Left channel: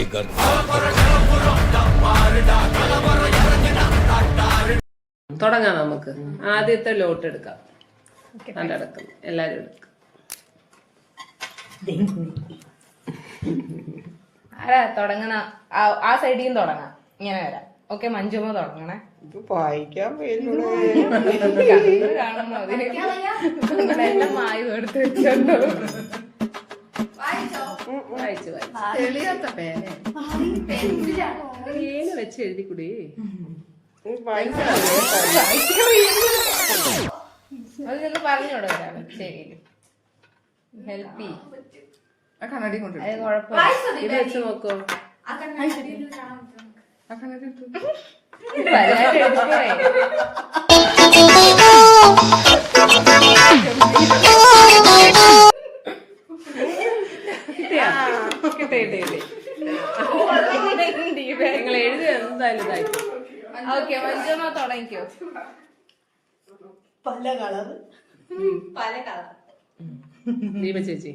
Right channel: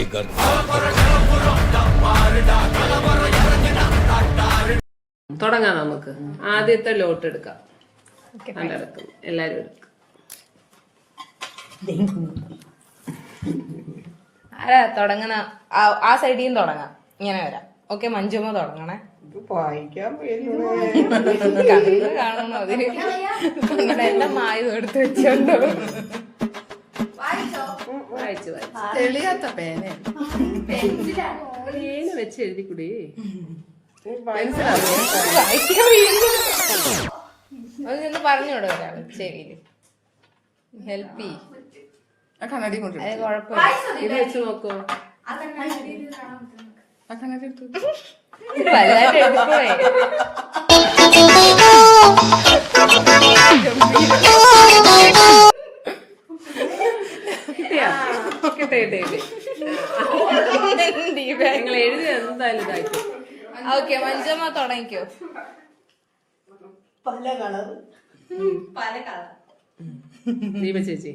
Tiger. തുടങ്ങാം നമുക്ക്. ആദ്യത്തെ ലോട്ട് എടുക്കാം. കണ്ടെടുക്കും, എല്ലാരും എടുക്കും. ആരാ തുടങ്ങണ? ആ സൈഡിൽ തുടങ്ങാം, ഇങ്ങനെ വരാം. ഓക്കെ, മഞ്ജുമ്മ തുടങ്ങണേ. വായിക്കാൻ കാണുന്നു അതിന് എന്റെ മായും എടുത്ത് വെച്ചോണ്ടോ. വായിച്ചു തെളിയാത്ത പേന പേന വെച്ച് എഴുതിക്കൂടി. അതൊന്ന് പറഞ്ഞോടോ ഒരാള് ചെവിയില്. ഹെൽപ്പ് കണ്ണാടി കൊണ്ട് അത് കുഴപ്പമില്ല. ഇത് വെച്ച് നോക്കോ. വല്ലാതെ എടുക്കുവേ. കിട്ടിയാ? കിട്ടേ. നിങ്ങൾ എഴുതി എന്തായാലും ഇതായിട്ട്. ഓക്കെ, മഞ്ജുമ്മ തുടങ്ങിക്കോ. ദീപ ചേച്ചി.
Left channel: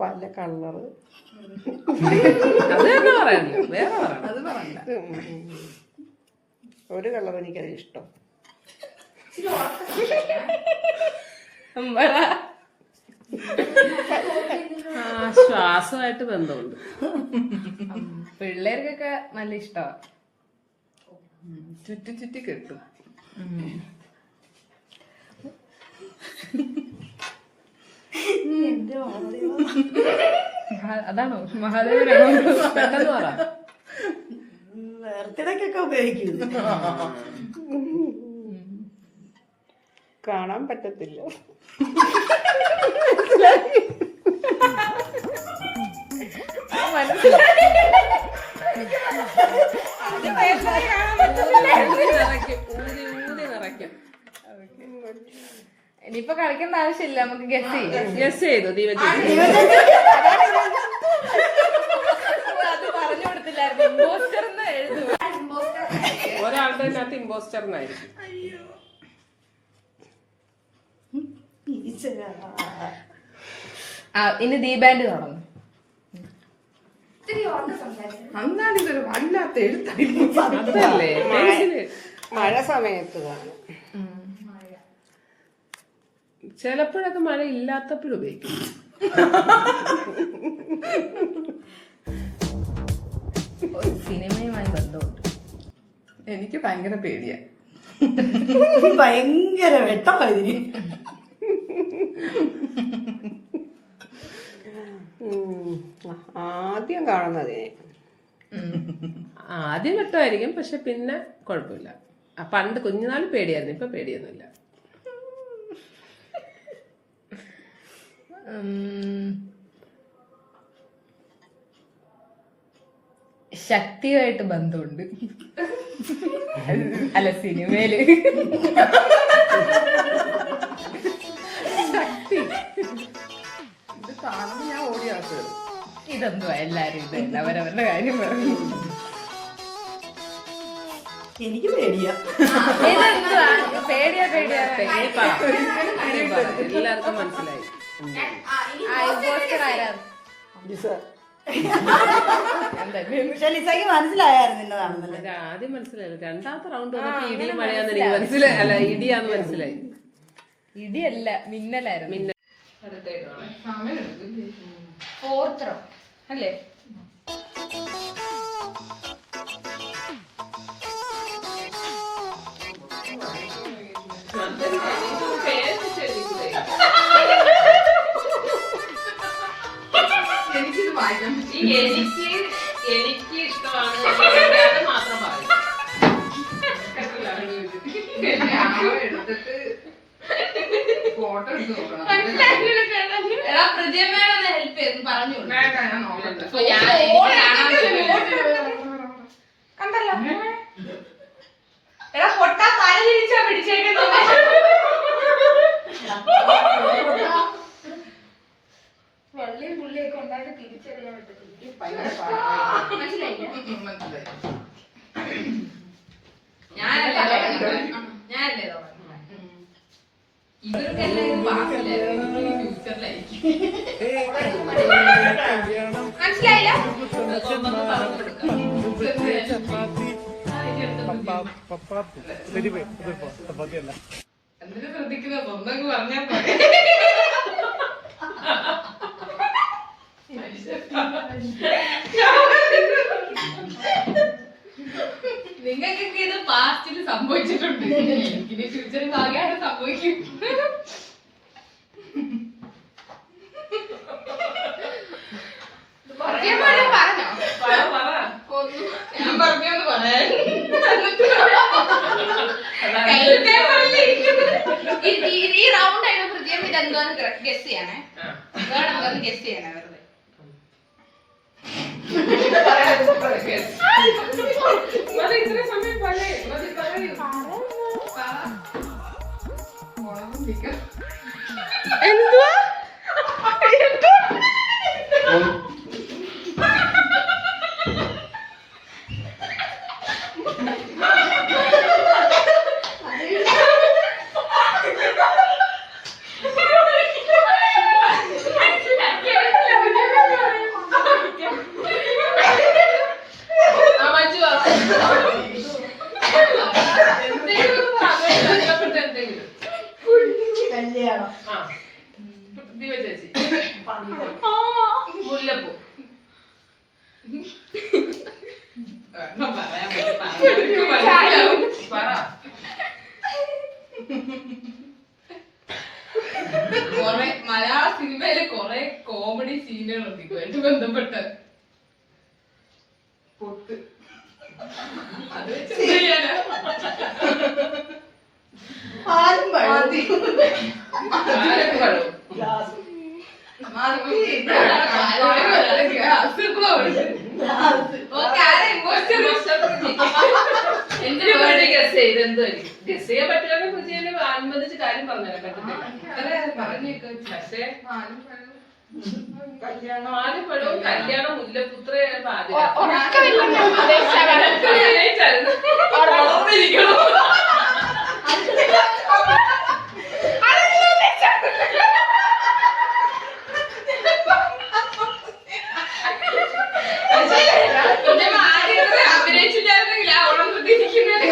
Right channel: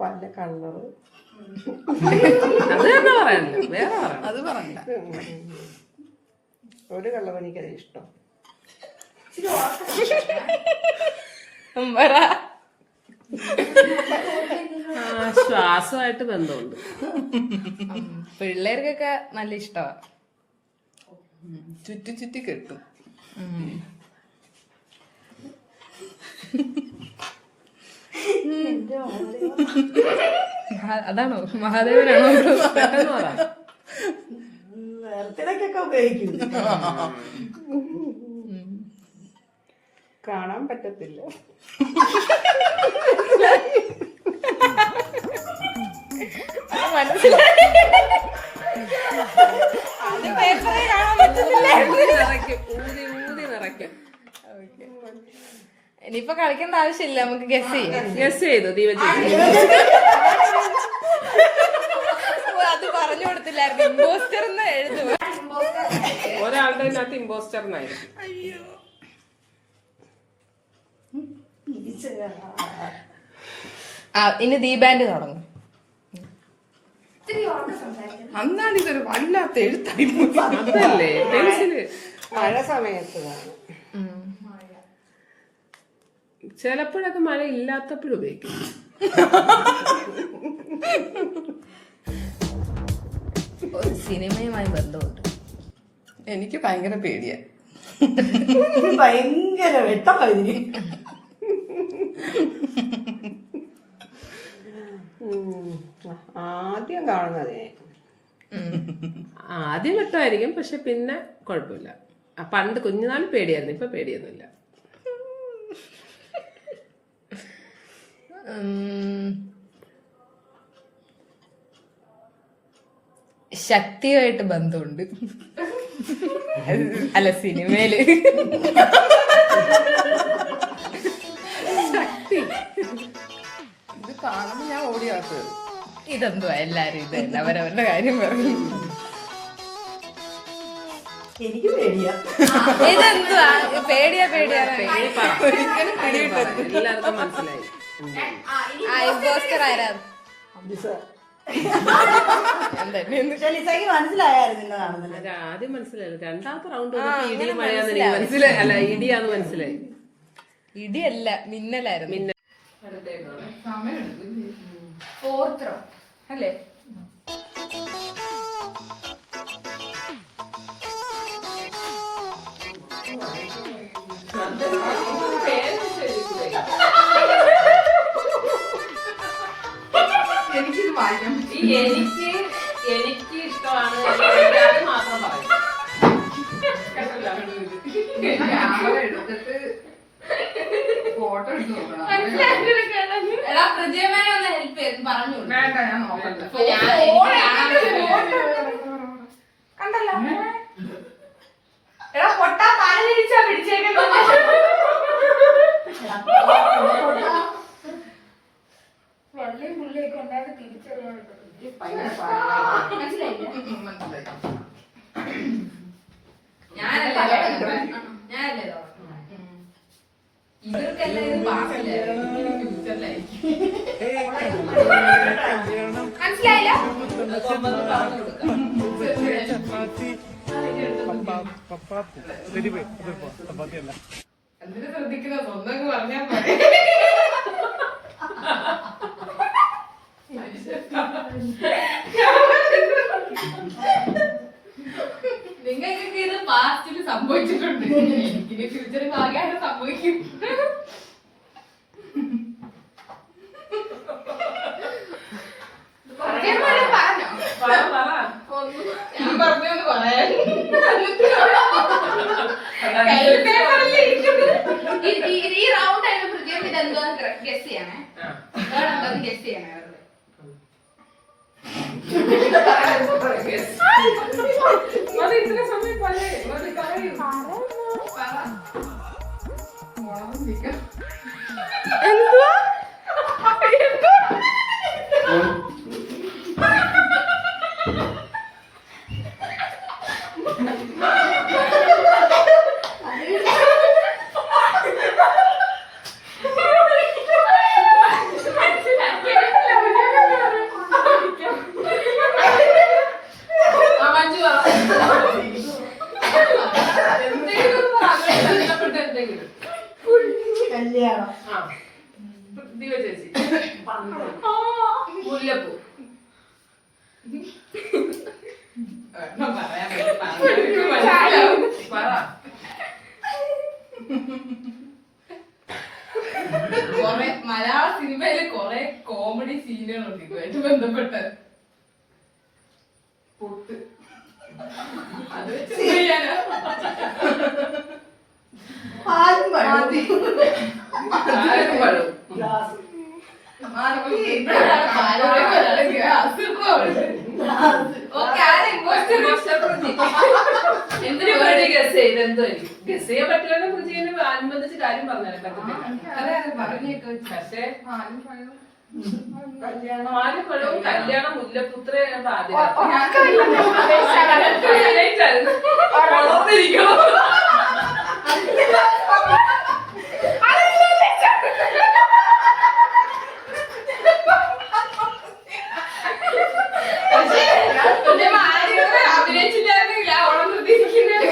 പല കളറ്. അത് തന്നെ പറയാനല്ലോ, വേറെ പറയാം. അത് പറയണ്ട. ഒരു കളർ എനിക്കത് ഇഷ്ടം. ശ്വാസമായിട്ട് ബന്ധമുണ്ട്. പിള്ളേർക്കൊക്കെ നല്ല ഇഷ്ടമാണ്. ചുറ്റി കെട്ടും. അതാണോ മഹാദേവനാണോ? പെട്ടെന്ന് പറ. ബർത്ത്ഡേക്കൊക്കെ ഉപയോഗിക്കും. കാണാൻ പറ്റത്തില്ല. ഇനിയിപ്പൊ കളിക്കേണ്ട ആവശ്യമില്ല, നമുക്ക് ഗസ് ചെയ്യാം. ഗസ് ചെയ്തു ദീപ ചേച്ചി. അത് പറഞ്ഞു കൊടുത്തില്ലായിരുന്നു. ഇമ്പോസ്റ്റർ എഴുതുക. ഒരാളുടെ അതിനകത്ത് ഇമ്പോസ്റ്റർ എന്നായിരിക്കും. ഇനി ദീപാൻഡ് തുടങ്ങും. അന്നാണ് ഇതൊരു വല്ലാത്ത എഴുത്തായിരുന്നു. അതല്ലേ പെൻസില്. മഴ സമയത്ത് ചിലപ്പോഴൊക്കെ മഴ ഇല്ലാത്തപ്പോഴും ഉപയോഗിക്കും. സിനിമയുമായി ബന്ധമുണ്ട്. എനിക്ക് ഭയങ്കര പേടിയാ. ഭയങ്കര വെട്ടമായിരുന്നു. ആദ്യം കാണുന്നതേ ആദ്യം വെട്ടമായിരിക്കും, പക്ഷെ പിന്നെ കുഴപ്പമില്ല. പണ്ട് കുഞ്ഞുനാൾ പേടിയായിരുന്നു, ഇപ്പൊ പേടിയൊന്നുമില്ല. ശക്തിയായിട്ട് ബന്ധമുണ്ട്. അല്ല, സിനിമയില് ശക്തി. ഇത് കാണുമ്പോ ഞാൻ ഓടിയാത്തത്. ഇതെന്തുവാ എല്ലാരും ഇത് അവരവരുടെ കാര്യം പറഞ്ഞു. എനിക്ക് പേടിയാ. ഇതെന്തുവാ പേടിയാ? എല്ലാവർക്കും മനസ്സിലായി. ഇമ്പോസ്റ്റർ ആരാ? മനസ്സിലായിരുന്നു. അത് ആദ്യം മനസ്സിലായില്ല. രണ്ടാമത്തെ റൗണ്ട് വന്നപ്പോ ഇടി മഴയാന്ന് എനിക്ക് മനസ്സിലായി. അല്ല, ഇടിയാന്ന് മനസ്സിലായി. ഇടിയല്ല, മിന്നലായിരുന്നു. മിന്നൽ. ഫോർത്ത് റൗണ്ട് അല്ലേ? എനിക്ക് ഇഷ്ടമാണ് മാത്രം പറയും. എടുത്തിട്ട് ഫോട്ടോ എടുത്ത് നോക്കണം. ഹെൽപ്പ് ചെയ്ത് പറഞ്ഞു. വേണ്ട, ഞാൻ നോക്കണ്ട. കണ്ടല്ലോ എടാ പൊട്ടാ തല തിരിച്ചാ പിടിച്ചേക്കുന്നത്. വെള്ളയും പുള്ളിയൊക്കെ എല്ലാവരും തിരിച്ചറിയാൻ പറ്റത്തില്ല. മനസ്സിലായില്ല? ഞാനല്ലേ ഇവർക്കെല്ലാം ചപ്പാത്തി പപ്പാത്തി ചപ്പാത്തി അല്ല എന്തിനു ശ്രദ്ധിക്കുന്ന സ്വന്തം പറഞ്ഞാൽ പോലെ നിങ്ങൾക്കൊക്കെ ഇത് പാസ്റ്റിൽ സംഭവിച്ചിട്ടുണ്ട് എനിക്കിനി ഫ്യൂച്ചറിൽ ഭാഗ്യമായിട്ട് സംഭവിക്കും. ഞാൻ പറഞ്ഞൊന്ന് പറയാൻ ഈ റൗണ്ട് ആയിട്ട് പ്രത്യേകം ഇത് എന്തുവാന്ന് ഗസ് ചെയ്യണേ. ഗസ് ചെയ്യണേ വെറുതെ. ഇത്ര സമയം പറയൂ. എന്തുവാ കല്യാണം ചേച്ചി മുല്ലപ്പൂ പറ. കൊറേ മലയാള സിനിമയില് കൊറേ കോമഡി സീനുകളുണ്ട് ഇതുമായിട്ട് ബന്ധപ്പെട്ട്. പൊട്ട് അത് വെച്ച് ചെയ്യാനാ? പാലും പഴവും മതി. ആരും പറയും. ഗ്ലാസ് എന്തിനു വേണ്ടി ഗസ് ചെയ്ത് എന്തായിരിക്കും ഗസ് ചെയ്യാൻ പറ്റില്ല പുതിയ അനുബന്ധിച്ച് കാര്യം പറഞ്ഞാലും പറ്റത്തില്ല. പക്ഷേ നാല് പഴവും കല്യാണം മുല്ലപുത്ര വളർന്നിരിക്കണം. അഭിനയിച്ചിട്ടായിരുന്നില്ല ഓണം ശ്രദ്ധിച്ചിരിക്കുന്നതിനെ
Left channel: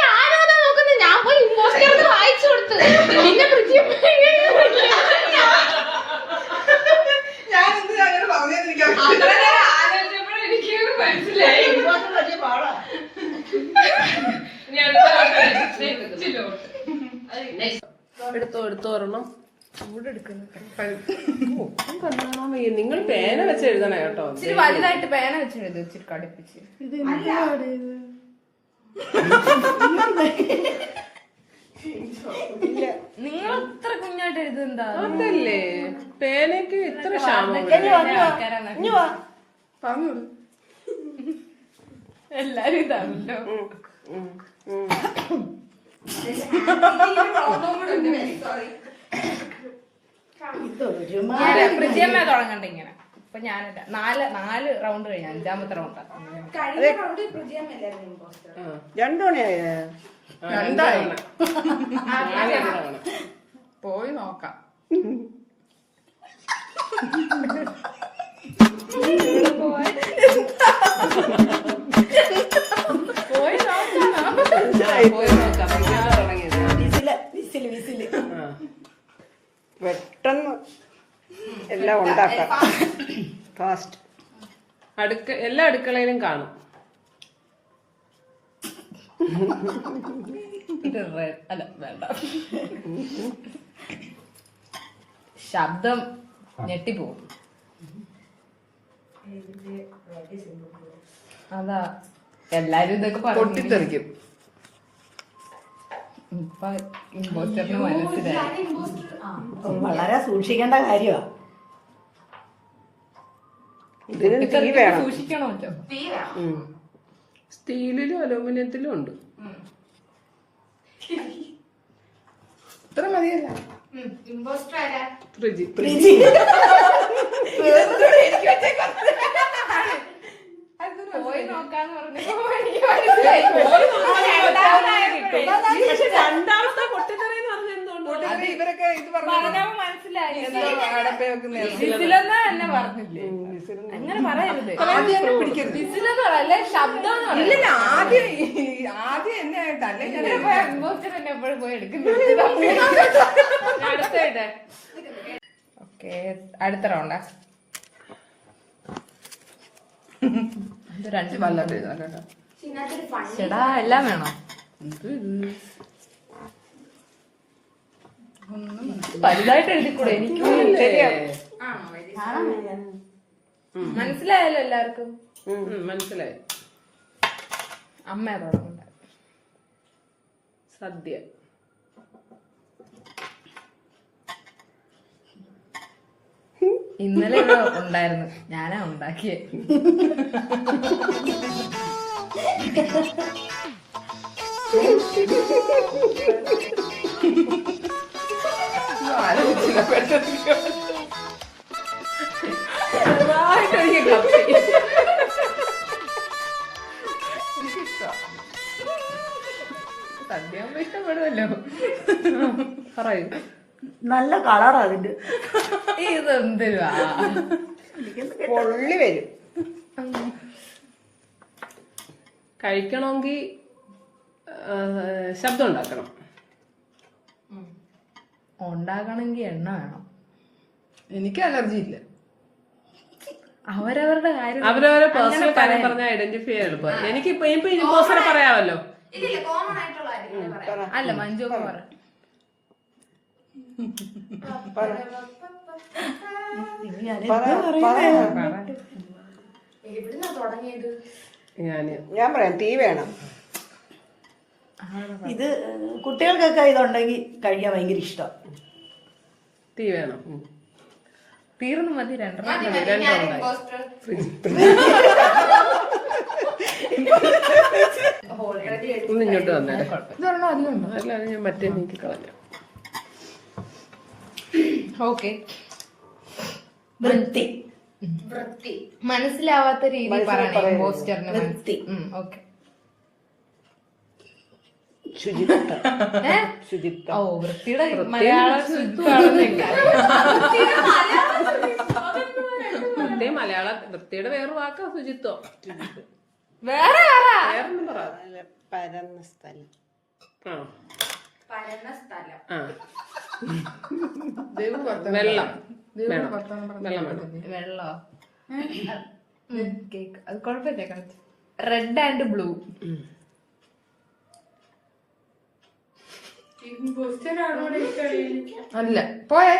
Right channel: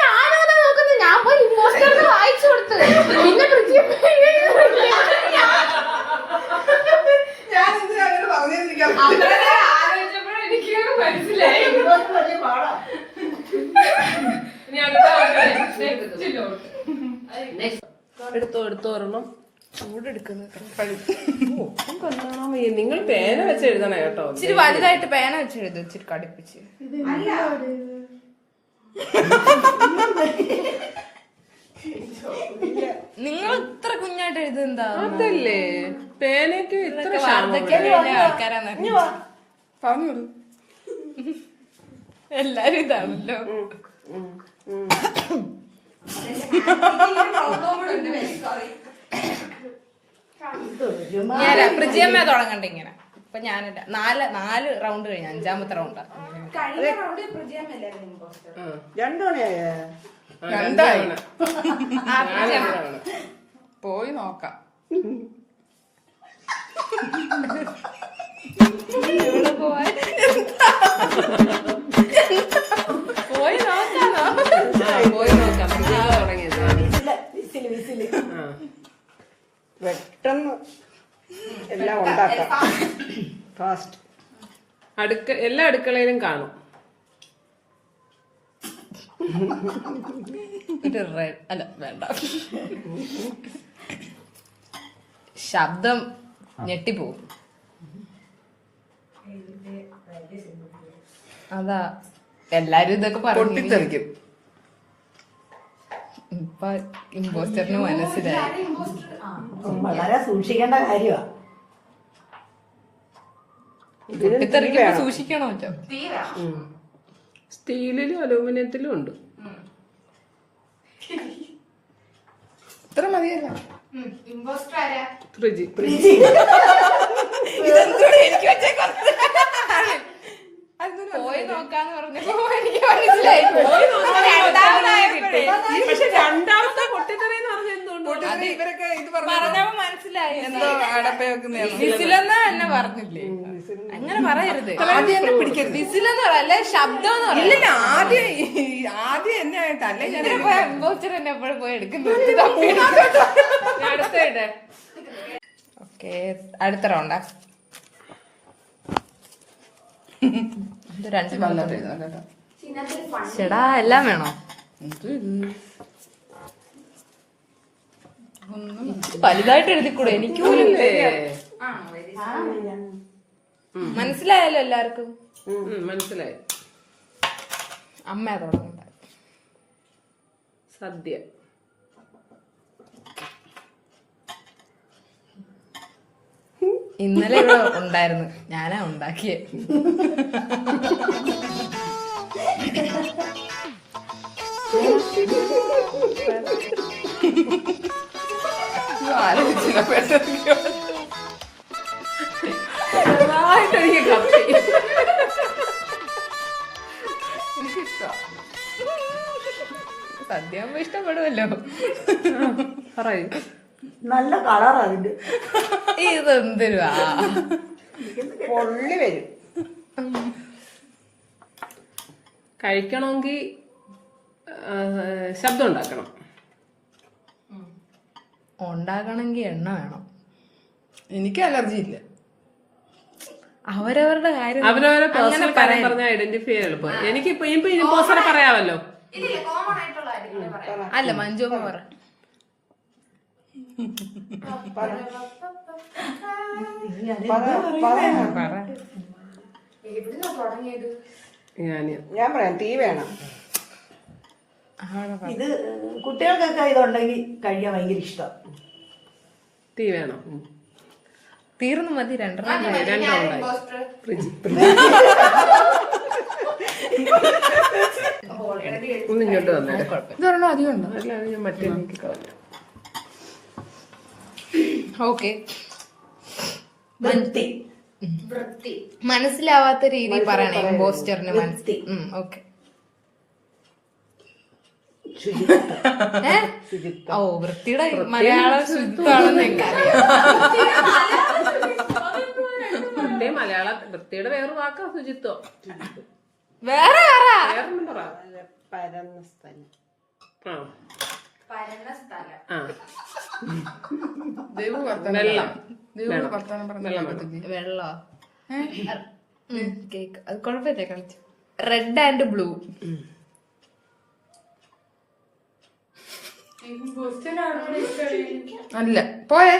ഞാനതാ നോക്കുന്നത്. ഞാൻ പോയി ഇമ്പോസ്റ്ററിന് വായിച്ചു കൊടുത്തു. പിന്നെ ഞാൻ എന്തിനാ അങ്ങനെ പറഞ്ഞതെന്ന് എനിക്ക് ആലോചിച്ചപ്പോഴും എനിക്ക് മനസ്സിലായി. വലിയ പാടാ. ഇനി അടുത്ത എടുത്തോ ഒരെണ്ണം. നിങ്ങൾ പേന വെച്ച് എഴുതണേ കേട്ടോ. ഇച്ചിരി വലുതായിട്ട് പേന വെച്ചെഴുത്. ഇച്ചിരി കടുപ്പിച്ച്. നിങ്ങൾ ഇത്ര കുഞ്ഞായിട്ട് എഴുതുന്നതാ? അതല്ലേ പേനയ്ക്ക് ഇത്ര ക്ഷാമം. പറഞ്ഞു എല്ലാരും ഇതാണല്ലോ. ഞാൻ പ്രജിയമ്മ തുടങ്ങണ്ട ഇങ്ങനെ. ഇപ്പൊ ഞാനില്ല. നാല് റൗണ്ട് കഴിഞ്ഞ 5ാമത്തെ റൗണ്ടാ. രണ്ടാണേ പോയി നോക്കാം. പെട്ടെന്ന് എല്ലാം ഉണ്ടാക്കാം. ഫാസ്റ്റ്. എല്ലാ അടുക്കളയിലും കാണും. ഇത് അല്ല വേണ്ട. ശബ്ദം ഞെട്ടിപ്പോവും. അതാ എല്ലാരും ഇതൊക്കെ പൊട്ടിത്തെറിക്കും. ഇപ്പൊ ഇമ്പോസ്റ്ററിന് മനസ്സിലായി. വളരെ സൂക്ഷിക്കേണ്ട കാര്യമാണ്. പൊട്ടിത്തെറിക്കുമ്പോ സൂക്ഷിക്കണോ? സ്റ്റീലിലും അലൂമിനിയത്തിലും ഉണ്ട്. ഇത്ര മതിയല്ല. ഫ്രിഡ്ജ് പോയി നോക്കാന്ന് പറഞ്ഞപ്പോ എനിക്ക് മനസ്സിലായി. പക്ഷെ രണ്ടാമത്തെ പൊട്ടിത്തെറി എന്ന് പറഞ്ഞ എന്തുകൊണ്ട് ഇവരൊക്കെ ഇത് പറഞ്ഞു പറഞ്ഞപ്പോ മനസ്സിലായി. മനസ്സിലായി. എന്തോ അടപ്പേ വെക്കുന്ന വിസിലെന്ന് തന്നെ പറഞ്ഞില്ലേ? അങ്ങനെ പറയരുത്. ആദ്യം എന്നെ പിടിക്കരുത്. വിസിലെന്ന് പറയല്ലേ, ശബ്ദം എന്ന് പറയല്ലേ. ഇല്ലില്ല, ആദ്യം എന്നെ ആയിട്ടല്ലേ ഞാൻ എംബോസ്റ്റർ തന്നെ എപ്പോഴും പോയി എടുക്കുന്നത്. അടുത്തയിടെ ഓക്കെ, അടുത്ത റൗണ്ടാ. ചേടാ എല്ലാം വേണോ? വലുതായിട്ട് എഴുതിക്കൂടെ? എനിക്ക് പോലും മനസ്സിലായല്ലോ എല്ലാവർക്കും. മനസ്സിലായി. അമ്മ തുടങ്ങണ്ട. സദ്യ. ഇന്നലെ ഇവിടെ ഉണ്ടായിരുന്നു, ഞാനാ ഉണ്ടാക്കിയേ. സദ്യ ആകുമ്പോ ഇഷ്ടപ്പെടുമല്ലോ. പറയൂ. നല്ല കളർ അതിന്റെ. ഇതെന്തുവാ പൊള്ളി വരും. കഴിക്കണമെങ്കിൽ ശബ്ദം ഉണ്ടാക്കണം. ഉണ്ടാകണമെങ്കിൽ എണ്ണ വേണം. എനിക്ക് അലർജി ഇല്ല. അവരവരുടെ കാര്യം അവരവരെ പേഴ്സണൽ കാര്യം പറഞ്ഞാൽ ഐഡന്റിഫൈ എളുപ്പം. എനിക്കിപ്പോ ഇമ്പോസ്റ്റർ പറയാമല്ലോ. അല്ല, മഞ്ജു പറ. ഞാൻ പറയാം, തീ വേണം. ഇത് കുട്ടികൾക്കൊക്കെ ഇതുണ്ടെങ്കിൽ കഴിക്കാൻ ഭയങ്കര ഇഷ്ടം. തീ വേണം. തീർന്നു മതി. രണ്ടെണ്ണം ഒന്ന് ഇങ്ങോട്ട് വന്നേ. ഇതൊരെണ്ണം അധികം ഉണ്ടോ? അല്ലാതെ ഞാൻ മറ്റേ നീക്കി കളഞ്ഞു. ഓക്കെ. വൃത്തി. മനസ്സിലാവാത്ത രീതി പറയണേ ഇമ്പോസ്റ്ററിന്. വൃത്തി. ഓക്കെ. ശുചിത്വം. ഓ, വൃത്തിയുടെ മലയാളം ശുദ്ധമാണെന്നില്ല. മലയാള വൃത്തിയുടെ വേറൊരു വാക്കാ ശുചിത്വം. വേറെ വേറൊന്നും പറ. പരന്ന സ്ഥലം. വെള്ളം വേണം. വെള്ളം വേണം. വെള്ളോ? കേക്ക്. അത് കുഴപ്പമില്ല, കളിച്ചു. Red and blue. അല്ല, പോയേ.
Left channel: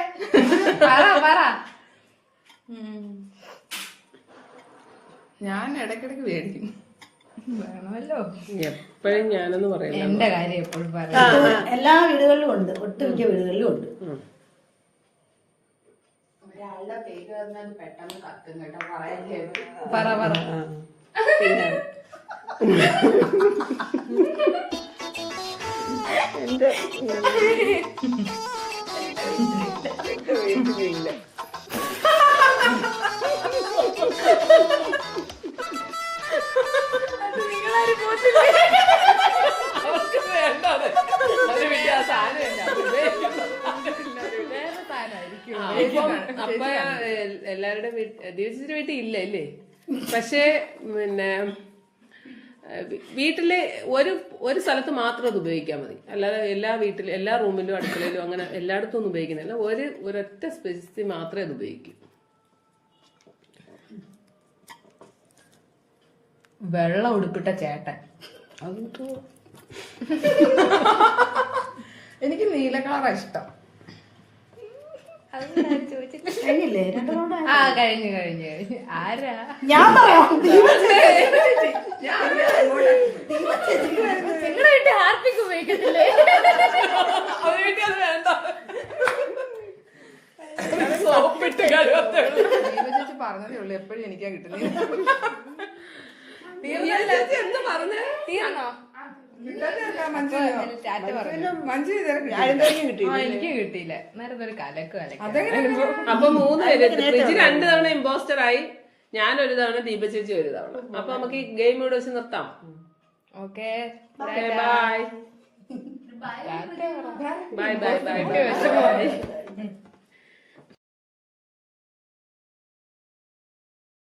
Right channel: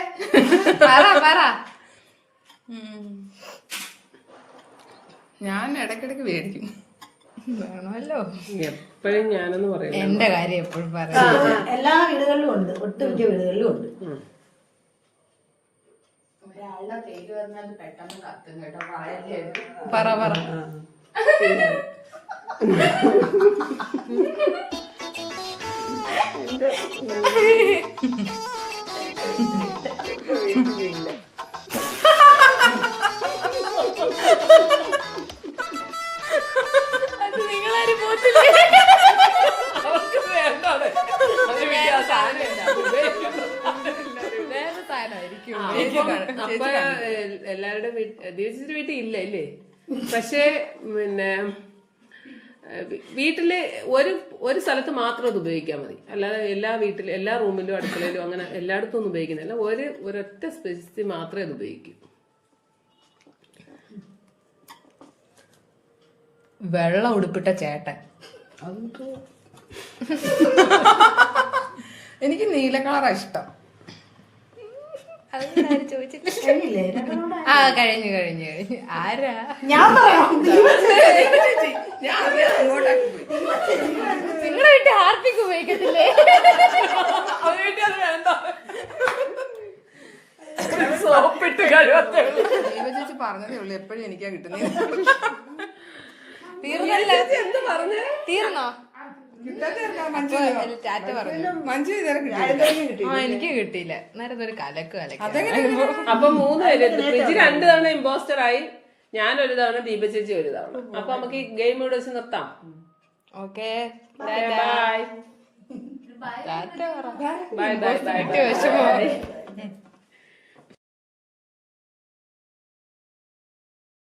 പറ. ഞാൻ ഇടയ്ക്കിടയ്ക്ക് മേടിക്കും. വേണമല്ലോ. എപ്പോഴും ഞാനെന്ന് പറയുന്നത് എന്റെ കാര്യം എപ്പോഴും പറയാം. എല്ലാ വീടുകളിലും ഉണ്ട്, ഒട്ടുമിക്ക വീടുകളിലും ഉണ്ട്. ഒരാളുടെ പേര് പറഞ്ഞത് പെട്ടെന്ന് കത്തും കേട്ടോ. പറയല്ലേ. പറ. നിങ്ങളാരും പോത്തില്ലേ? അപ്പൊ എല്ലാവരുടെ ദിവസത്തിന്റെ വീട്ടിൽ ഇല്ല അല്ലേ? പക്ഷേ പിന്നെ വീട്ടില് ഒരു സ്ഥലത്ത് മാത്രം അത് ഉപയോഗിക്കാൻ മതി. അല്ലാതെ എല്ലാ വീട്ടിലും എല്ലാ റൂമിലും അടുക്കളയിലും അങ്ങനെ എല്ലായിടത്തും ഒന്നും ഉപയോഗിക്കുന്നില്ല. ഒരൊറ്റ സ്പേസിൽ മാത്രമേ അത് ഉപയോഗിക്കൂ. വെള്ളം ഉടുപ്പിട്ട ചേട്ടൻ. എനിക്ക് നീല കളറാ ഇഷ്ടം. കഴിഞ്ഞില്ലേ? ആ, കഴിഞ്ഞു. ആരാ? ഞാൻ പറയാം. നിങ്ങളുടെ വീട്ടിൽ ഹാർപ്പിക്ക് ഉപയോഗിക്കത്തില്ലേ? സോപ്പിട്ട് കഴിവത്തേ ചേച്ചി പറഞ്ഞതേ ഉള്ളൂ, എപ്പോഴും എനിക്കാ കിട്ടുന്നത്. എന്താ പറഞ്ഞേ? തീർന്നോ? ടാറ്റ പറഞ്ഞു. മഞ്ജു ഇതുവരെ എനിക്ക് കിട്ടിയില്ല. നേരത്തെ ഒരു കലക്ക്. അപ്പൊ 3 പേര്. ഫ്രിഡ്ജ് 2 തവണ ഇമ്പോസ്റ്റർ ആയി. ഞാനൊരു തവണ, ദീപ ചേച്ചി ഒരു തവണ. അപ്പൊ നമുക്ക് ഈ ഗെയിം ഇവിടെ വെച്ച് നിർത്താം. Okay, by. ടാറ്റ പറ. ബൈ.